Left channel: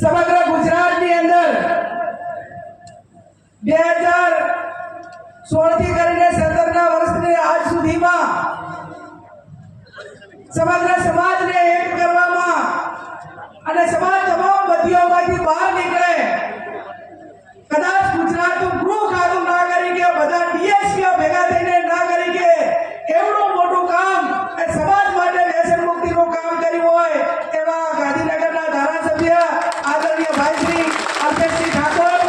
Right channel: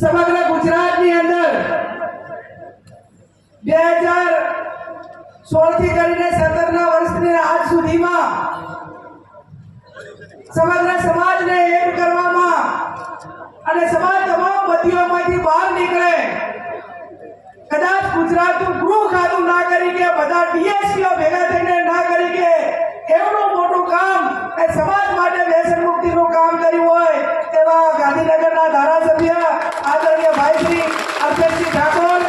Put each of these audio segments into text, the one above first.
સમગ્ર ગુજરાતની અંદર 2016 થી કરીને 17ના વર્ષની આજ સુધીમાં સમગ્ર સમાજને એક કરવામાં અને સમાજ તમામ બદીઓમાંથી બહાર નીકળે, કદાચ ગુજરાતનું ગૃહ ખાતું ના કરી કે બધા ડીએસપીઓ ભેગા થઈને ના કરી કે એવડું મોટું કામ એ સમાજ માટે વ્યસન મુક્તિનું કામ કર્યું હોય એવા ગાંધીનગરના ધારાસભ્ય આદરણીય ભાઈ શ્રી અલ્પેશજી ઠાકોર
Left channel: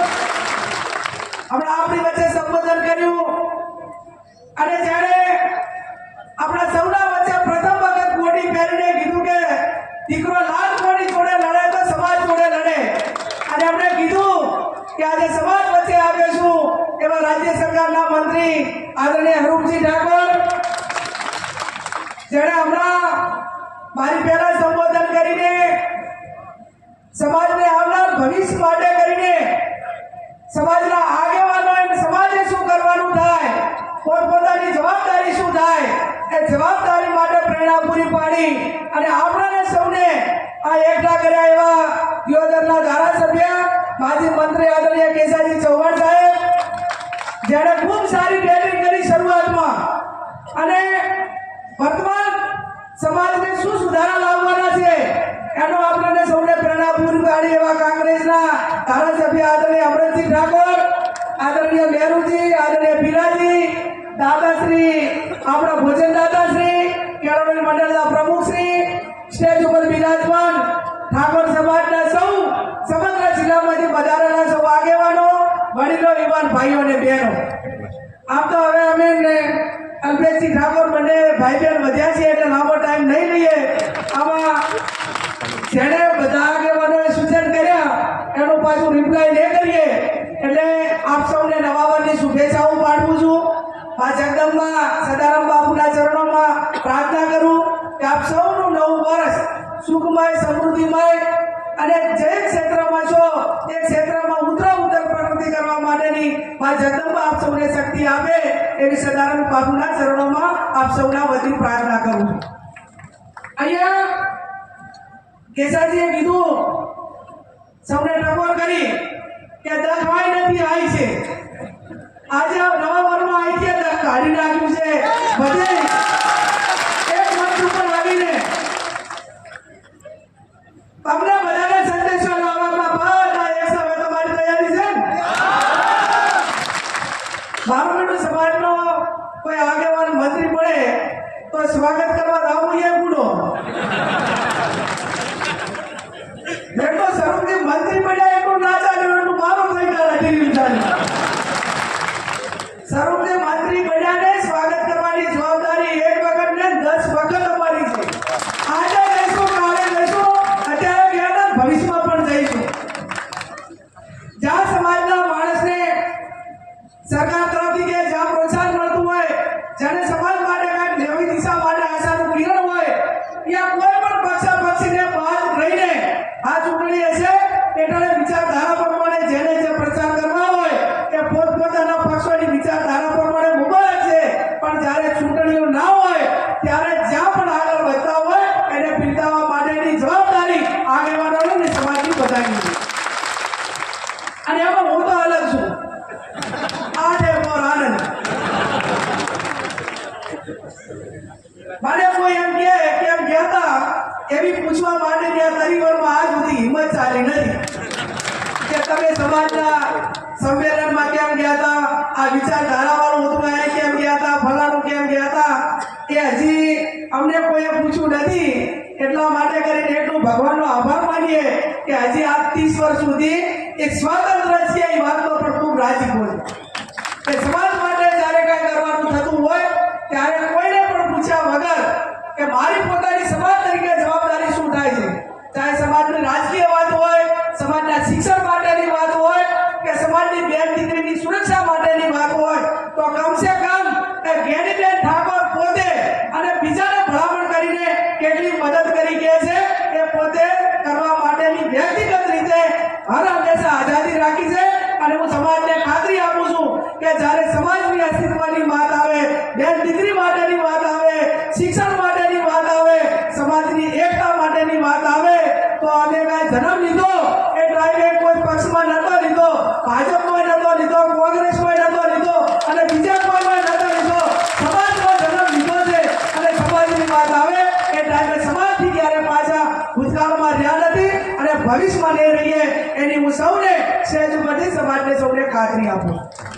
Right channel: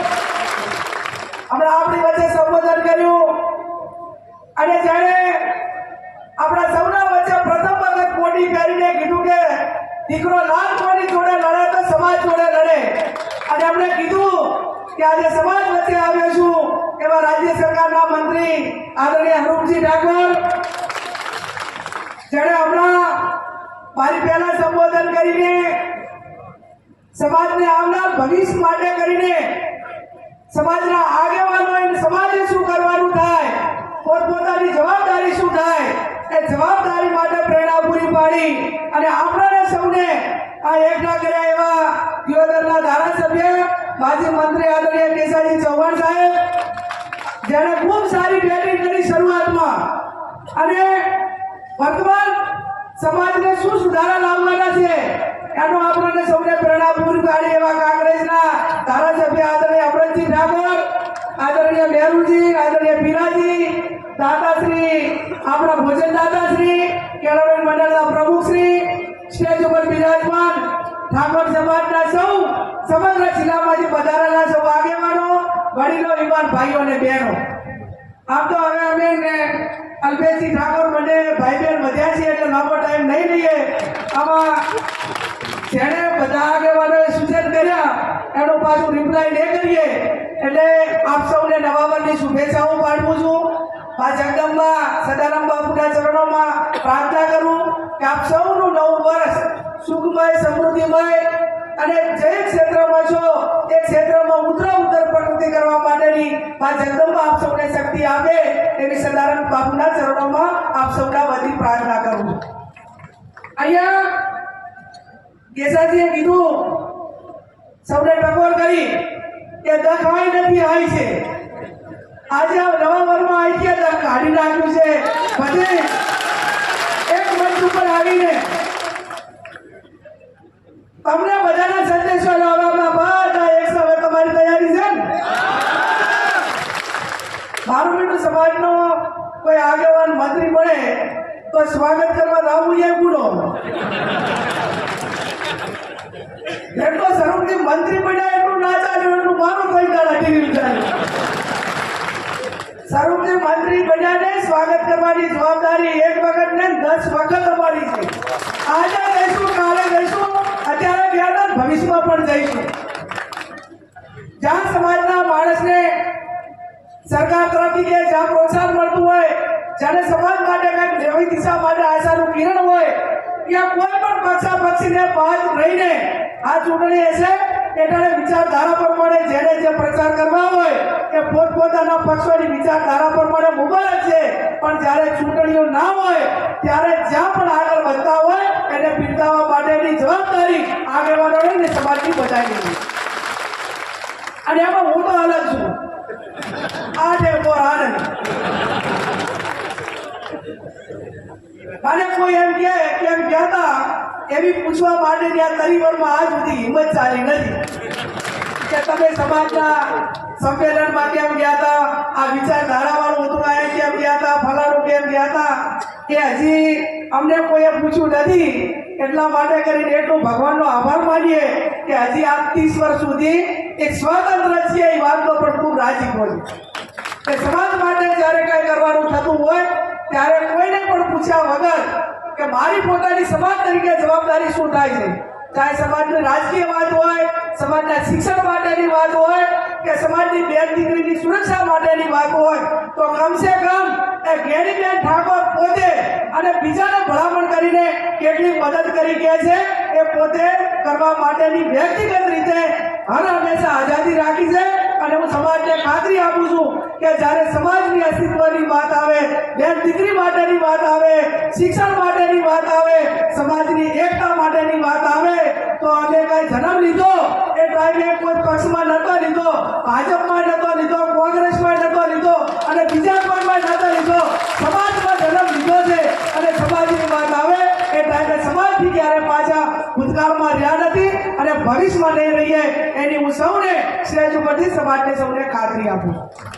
હમણાં આપણી વચ્ચે સંબોધન કર્યું અને જ્યારે આપણા સૌના વચ્ચે પ્રથમ વખત કોટી પહેરીને કીધું કે દીકરો લાલ કોની જોડે લડે તો સમાજ જોડે લડે, અને એમણે કીધું કે આજે સમાજ વચ્ચે આવ્યો છું એવા રાજ્ય સરકારના મંત્રી આદરણીય હરૂપજી ઠાકોર જેણે હમણાં મારી પહેલા સંબોધન કરીને સમાજને આવનાર ભવિષ્ય માટે કરીને સમાજના આગેવાનો અને સમાજે શું કરવાનું થાય, પોતપોતાની જવાબદારી શું થાય એ જવાબદારી માટે પ્રેરણા પૂરી પાડી અને આપણને સૌને આ એકઠા કર્યા એવા દિયોદરના ધારાસભ્ય માજી મંત્રી આદરણીય કેસાજી ચૌહાણ સાહેબ જેણે ખૂબ સારી બેટિંગ કરી શરૂઆતમાં અને વર્તમાન સમાજને શું સુધારા લાવવાના છે એનો આપણને સૌને પ્રેરણા પૂરી પાડી એવા કોંગ્રેસના ધારાસભ્ય આદરણીય અમરતજી ઠાકોર, આદરણીય મેરુજી, આદરણીય પીરાજી, દાદાશ્રી આપણા ભોજન દાદાશ્રી, કેળવણી મંડળના પ્રમુખશ્રી, સ્ટેજ ઉપર બિરાજમાન ઠાકોર સમાજના સૌ સમગ્ર જિલ્લામાંથી પધારેલા સૌ આગેવાનો, વડીલો, યુવાન ભાઈઓ અને બહેનો, આમ તો હવે અમે અલ્પેશજી ઠાકોર મને ભાઈ બહેન વધ્યા છે એટલે લાંબો ટાઈમ નહીં લઈએ. આમાં જેણે બધા આગેવાનોએ સૂચન કર્યા એનું પાછું રિપ્લાય નહીં કરીએ એટલે આપ સૌને નવા વર્ષની શુભેચ્છાઓ પાઠવું છું. આ જગદંબા સદારામ બાપુના ચરણોમાં પ્રાર્થના કરું કે આપ સૌનું નવું વર્ષ સુખમય, સમૃદ્ધિમય અને જે ક્ષેત્રમાં છો એ ક્ષેત્રમાં ઉત્તર પ્રગતિ કરવા માટેની આ જગદંબા આપ સૌને શક્તિ આપે એવી સદારામ બાપુના ચરણોમાં આપ સૌના વતી પ્રાર્થના કરું છું. અહીંયા કેસાજીએ કીધું સૌને ટકોર કરી કે દખવાઈ નથી આવી છે, આજે આ નવા વર્ષમાં આવી છે દખ કાઢી નાખ્યું છે, બધે એક મંચ ઉપર આવીને તમને બધાને સંદેશો લાવવામાં બધા એક સમય તમારી તૈયારી છે ને? મારું બેટું સમાજનો કોઈ આગેવાન મંત્રી મળે તો સ્વાગત કરવા આવું એ ગુનો, જેટલો સર્વથી મંત્રી બન્યા એટલું ના ચાલ્યું એટલું મારું થઈ જાય ટીવી ચાલ્યું. સર્વથી મંત્રી બન્યાને સ્વાગત કરવાની જવાબદારી એક વખત ને 10 વખત અમારી છે. આજે જઈશું, કાલે જઈશું, અત્યારે ગયા ભવિષ્યમાં પણ જઈશું. જ્યાં સમાજના માણસને સરકાર તરફથી કે જ્યાં પ્રોત્સાહન મળતું હોય, જ્યારે સમાજ માટે કંઈક નવી દિશા માટે આશાનું કિરણ હોય, ત્યાં કોઈ પણ પક્ષાપક્ષીને બાદ રહીને આ ચૂંટણી હશે એટલે વિચારધારા પ્રમાણે જેને જે પ્રચાર કરવા હોય એ પોતપોતાના પક્ષોની વિચારધારા પ્રમાણે મુબારક છે, પણ જ્યારે ચૂંટણીઓ ના હોય ત્યારે જ્યાં પણ આગળ વધતા હોય એને બિરદાવવા માટેની જવાબદારી આગેવાનોની અને સમાજની બધાની છે. અને એમાં હું તો અલગ છું. આ છે મોર આનંદ. મને કોઈ એમ કે કેમ કહેતા એવી પૂછવા માટેની આ તરીવરમાં આજ સુધી હિંમત ચાલી નથી કે તમે સમાજના સંમેલનમાં કેમ ગયા હતા, આ વિચારધારાવાળું હતું આ કેમ ગયા હતા, ફલાણું કેમ ગયા હતા, એ હજી અમને કોઈએ પૂછ્યું નથી. એટલા માટે કરીને એટલું ભગવાનનો આભાર માનીએ કે હજી આ 30 વર્ષ સુધી એક સ્વતંત્ર છે એ વાતનો પણ ખૂબ રાજી હોય કે સમાજ માટે જ્યારે કંઈ કરવાનું થતું હોય ત્યારે કોઈને પણ પૂછ્યા વગર કે મારી પોતાની સમાજ તરીકે જવાબદારી શું થાય છે, ચાહે સમાજની રાજકીય વાત હોય, સમાજના શિક્ષણ માટેની વાત હોય કે સમાજની બેન દીકરીની સુરક્ષા માટેની વાત હોય, તો કમસે કમ એ જ્ઞાનીબેન ઠાકોર પોતે અને બીજાને ભલામણ કરીને કેટલી મદદ કરી કે છે એ પોતે કરવા માટેની વ્યક્તિગત રીતે હર હંમેશા આઝાદી રાખી છે. અને હું સમાજને ખાતરી આપું છું કે જ્યારે સમાજની અસ્તિત્વની વાત આવે, બેન દીકરી માટેની વાત આવે, શિક્ષણ માટેની વાત આવે, સમાજની એકતા માટેની વાત આવે તો અમે કાંઈ જન્મ લીધો એ ટાઈમે કોઈ પક્ષમાં નતો લીધો, ભાજપમાં નતો લીધો, કોંગ્રેસમાં નતો લીધો અને બીજા કોઈમાં નતો લીધો, સમાજમાં જન્મ લીધો છે. અને સમાજની વાત આવે એ ટાઈમે સમાજથી ક્યારે પાછા ભૂતકાળમાં રહ્યા નથી અને ભવિષ્યમાં નહીં રહીએ એની હું સૌને સ્ટેજ ઉપરથી સમાજને સૌને ખાતરી આપું છું.